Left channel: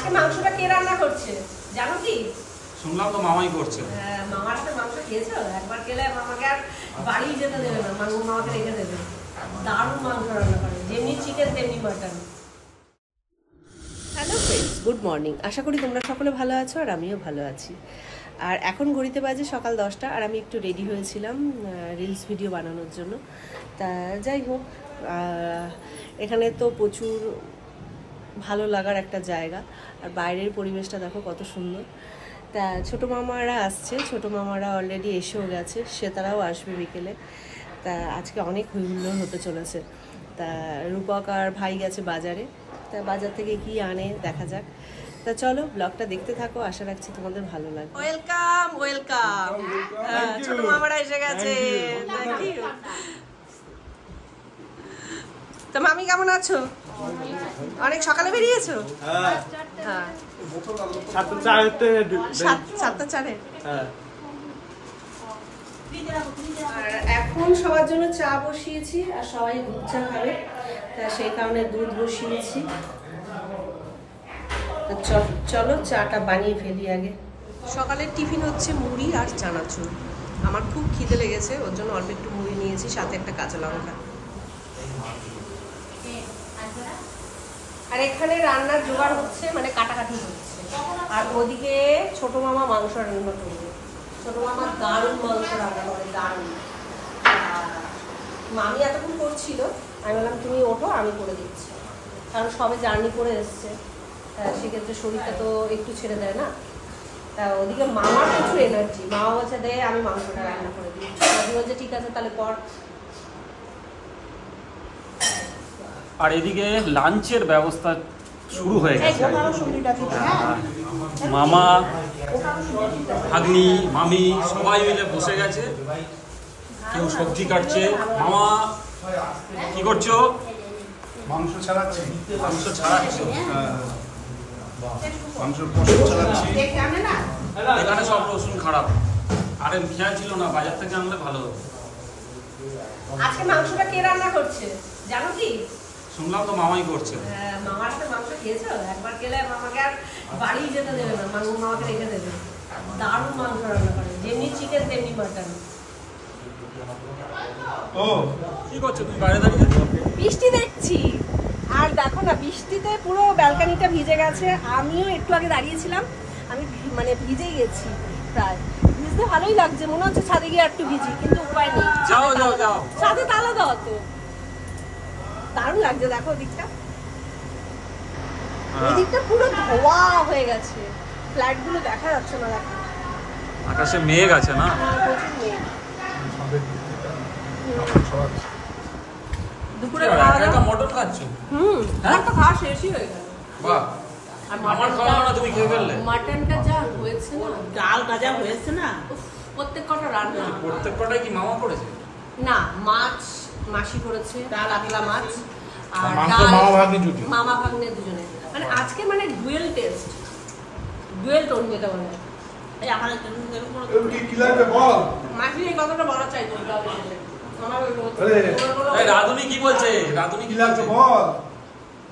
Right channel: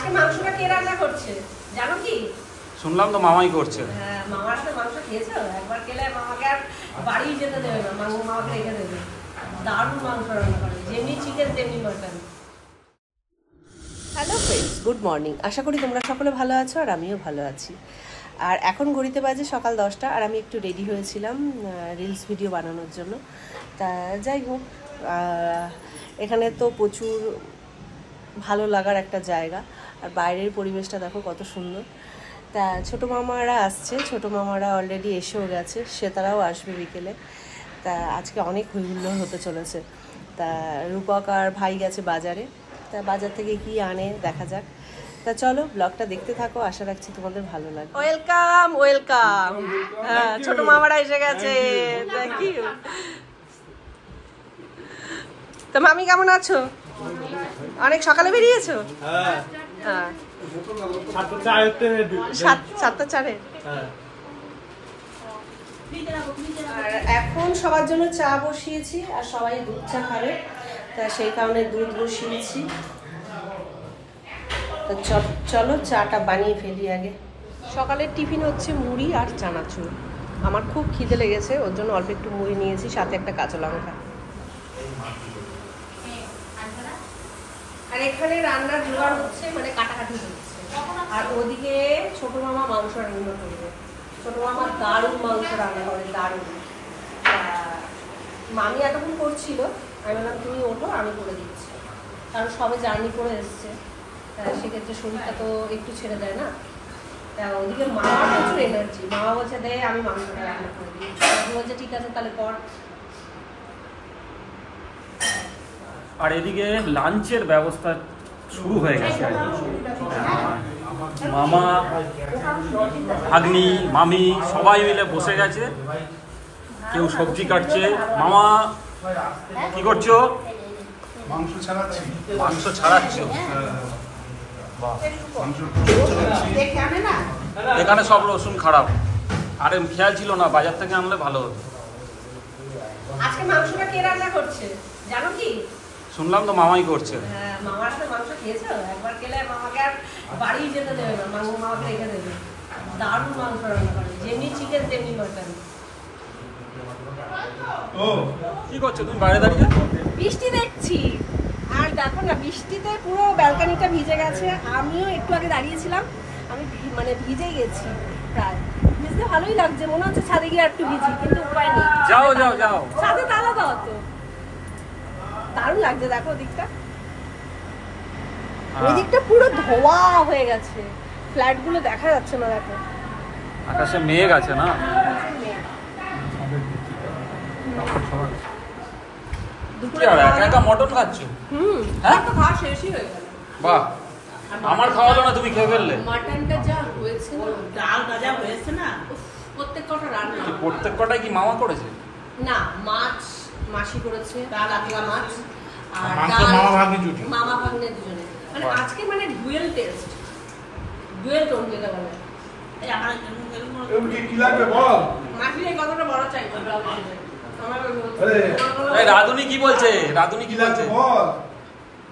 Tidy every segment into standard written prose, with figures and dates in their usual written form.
আজকে মাংসটা কে রান্না করছে জানো কি? শুনলাম তো মামাই করছে। হ্যাঁ, মামার হাতে মাংস খেয়েছো? একবার খেলে মামাকে আর বাড়ি যেতে দেবে না, মামাকে রেখে দেবে। দারুণ মাংস রান্না করে, যেমনি চিকেন তেমনি mutton. Hello friends, good morning. আশা করি তোমরা সকলে ভালো আছো আর আমিও ভালো আছি। আর এখন ঘড়িতে বাজে সকাল 10টা আর আমি একটু রেডি হয়েছিলাম রিলস ভিডিও বানানোর জন্য। তা যাই হোক, এখানে তো প্রচুর ভালো লাগার একটা জায়গা, আর বাইরের পরিবেশটা দেখো কত সুন্দর। তা ছোটো মামারা আসছে, ছোটো মামারা অলরেডি এসেও গেছে, সে তারাও আসবে বিকেলে। তা আজকে অনেক হইহুল্লোড় হতে চলেছে। তা রূপক আর ভাই গেছে বাজারে, তা বাজার থেকে কি আনে দেখা যাক। তা চলো ব্লগটা দেখতে থাকো, আশা রাখছি তোমাদের ভালো লাগবে। ওয়েলকাম ওয়েলকাম, ছোট মামারা এসে গেছে। Thank you. তো মামি কেমন আছো? অনেক সকালে বেরিয়েছো? হ্যাঁ, 7:04। আর এখন সবার জন্য চা বসিয়েছি, আর সবাই দুধ চা খাবে, তা সেই কারণে দুধ বসিয়েছি। তো চলো চাটা বানিয়ে ফেলি আগে। সকালের টিফিন হচ্ছে মুড়ি আর চানাচুর। আমার খুব খিদে লেগেছে, ওর জন্য অল্প একটু মুড়ি নিয়েছি, সাথে একটা কাঁচা লঙ্কা। আর এখানে রান্নার জোগাড় হচ্ছে, মানে কাটাকাটি হচ্ছে। আর ওদিকে ছোট মামা মাংস রান্না করবে। ছোট মামা দারুণ মাংস রান্না করে, দারুণ। মামি এতক্ষণ করছিল, আমি বললাম তুমি ওঠো, আমি করে দিচ্ছি, কারণ সবে জার্নি করে এসছে, সেক্ষেত্রে শরীরটা তো একটু ছেড়ে দেয় না। তা ওদিকে মামার প্রচুর এনার্জি, মামা বলছে দে আমি মাংসটা রান্না করে দিই। আমি বলছে ঠিক আছে তাহলে কর। আর এদিকে লাঞ্চের ব্যবস্থা শুরু হয়ে গেছে। মামা, ভাগ্নি, মামি সবাই মিলে বসে গেছে, কেউ সবজি কাটছে। মামা কি করছো? মাংস ছাড়াচ্ছি। মাংস ছাড়াচ্ছো? এখানে সব রসুন খারাপ, আরে খেয়াল ছিল না, বাজার থেকে আনলে ভালো হতো। আজকে মাংসটা কে রান্না করছে জানো কি? শুনলাম তো মামাই করছে। হ্যাঁ, মামার হাতে মাংস খেয়েছো? একবার খেলে মামাকে আর বাড়ি যেতে দেবে না, মামাকে রেখে দেবে। দারুণ মাংস রান্না করে, যেমনি চিকেন তেমনি মাটন। ও কি করছো তুমি বাইরে দাঁড়িয়ে? বৃষ্টি দেখছি, আর দেখো না বৃষ্টিতে পুরো ব্যালকনিটা ভিজে গেছে। আমিও একটু আগে দাঁড়িয়েছিলাম, আমি মানে ভিজে গেছি প্রায়। ভিজতে ভালোই লাগছে, মনে হচ্ছে ছাদে গিয়ে একটু ভিজি, কিন্তু উপায় নেই। যাও যাও যাও, ছাদে তালা দাও তো। দারুণ লাগছে, দেখো ওদিকটা, এদিকটা পুরো ধোয়া হয়ে গেছে, ফ্ল্যাট গুলো দেখা যাচ্ছে না। দেখো আকাশে মেঘ আছে না? দুপুরে মটন খাচ্ছ? হ্যাঁ, তো খাওয়া শেষই হয়ে গেল। বাহ, আমার খাওয়া না, তুমি খেয়ে ফেললে। মাটনটা যা হয়েছে না, ডাল ভাজা হয়েছে না, প্রত্যেক কটা রান্না। প্রত্যেক কটাই কি মামা করেছে? না, মাছ মাসি করেছে, ডাল আতলা মাছ, আর ডাল মামা ভাগ্নে দুজনে। মানে আজকে মানে ডুয়েল টেস্ট, ডুয়েল টোন যেটা বলে। এই আমার কি লাগবে বল? মাসি এই কতটা বড় চাই তো রাধুনি কি বলছে? রাধুনি কি বলছে বল?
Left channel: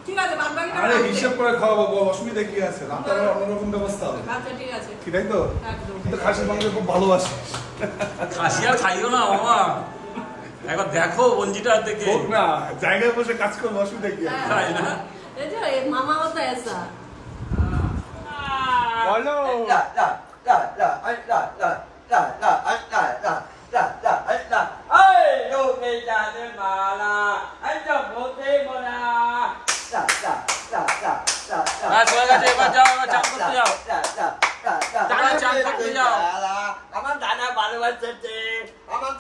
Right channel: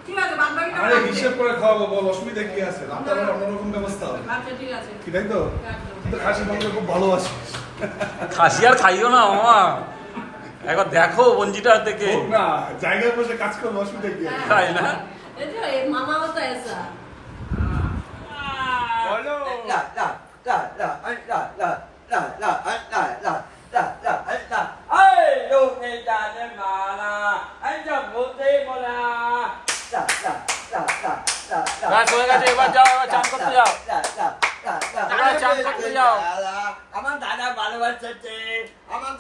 ঠিক আছে, আরে হিসাব করে খাওয়াবো, বল অসুবিধা কি আছে? রাতে আমার অন্যরকম ব্যবস্থা হবে। আচ্ছা ঠিক আছে, কি তাই তো? কিন্তু খাসির মাংস খুব ভালোবাসি। খাসি আর খাইও না মামা, একবার দেখো বঞ্জিটা থেকে। হোক না, জায়গায় বসে কাজ করবো, অসুবিধা কি আছে? তাই না? এই যে মামা হতো এসা। বলো এবার যাও, এবার চান করতে যাও, চান করতে যাও। আমার দাদা ভালোবাসছে, আমার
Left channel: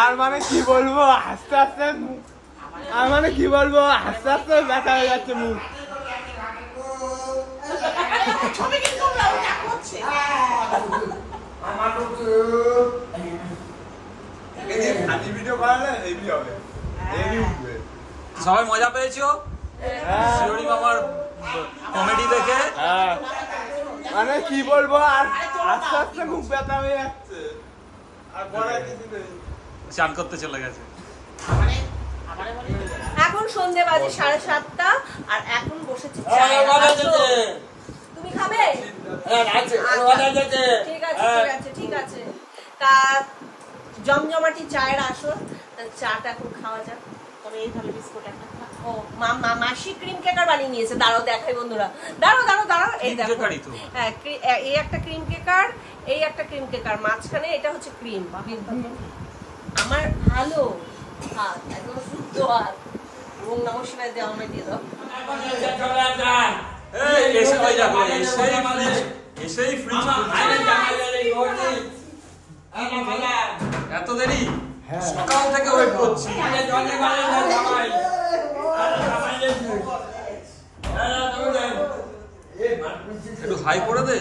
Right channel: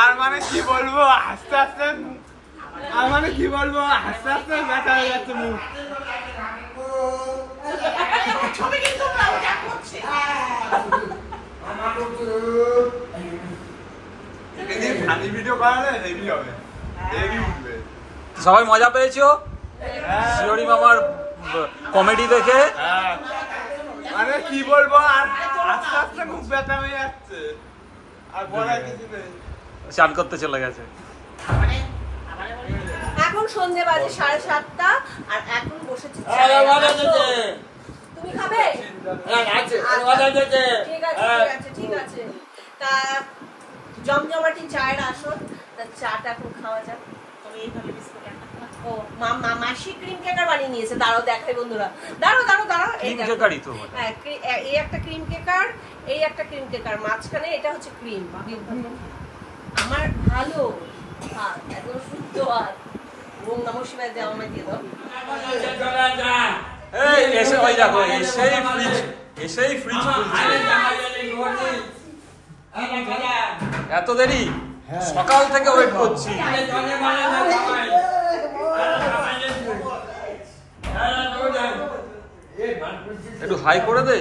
আর মানে কি বলবো, আস্তে আস্তে আর মানে কি বলবো, আস্তে আস্তে ব্যথা হয়ে যাচ্ছে মুখ। সবাই মজা পেয়েছো শিওরি মামার কমেডি দেখে? মানে কি বলবো আর আস্তে আস্তে মুখ ব্যথা হয়ে যাচ্ছে আর বলার কিছু নেই। চান করতে চলে গেছে। এখন সন্ধে বাজে 7:30 আর এখন বসেছি তুমি খাবে? ঠিক আছে ঠিক আছে। তা জমজমাটি চায়ের আসর, তা চাটা এখন খাওয়া যাক। তবে এইভাবে বিস্কুট একটা ও মাসি ক্রিম কেকার বানিয়ে নিয়েছে। দাঁড়াও দেখাই বন্ধুরা, দাঁড়াও এই দেখো। হ্যাঁ, এই একটা ক্রিম কেকার, এই একটা ক্রিম কেকার, মাঝখানে এটা হচ্ছে ক্রিম। আমার ভালো হাত, একদম শুদ্ধ হাত। ওম নমঃ শিবায় দেওয়া আমায় দিয়ে দাও। এই এসে ওই দেখো এসেই ফ্রিজ খুলছে। এত দেরি? সকাল থেকে ওয়েট করছি। একটু হাই করে দে।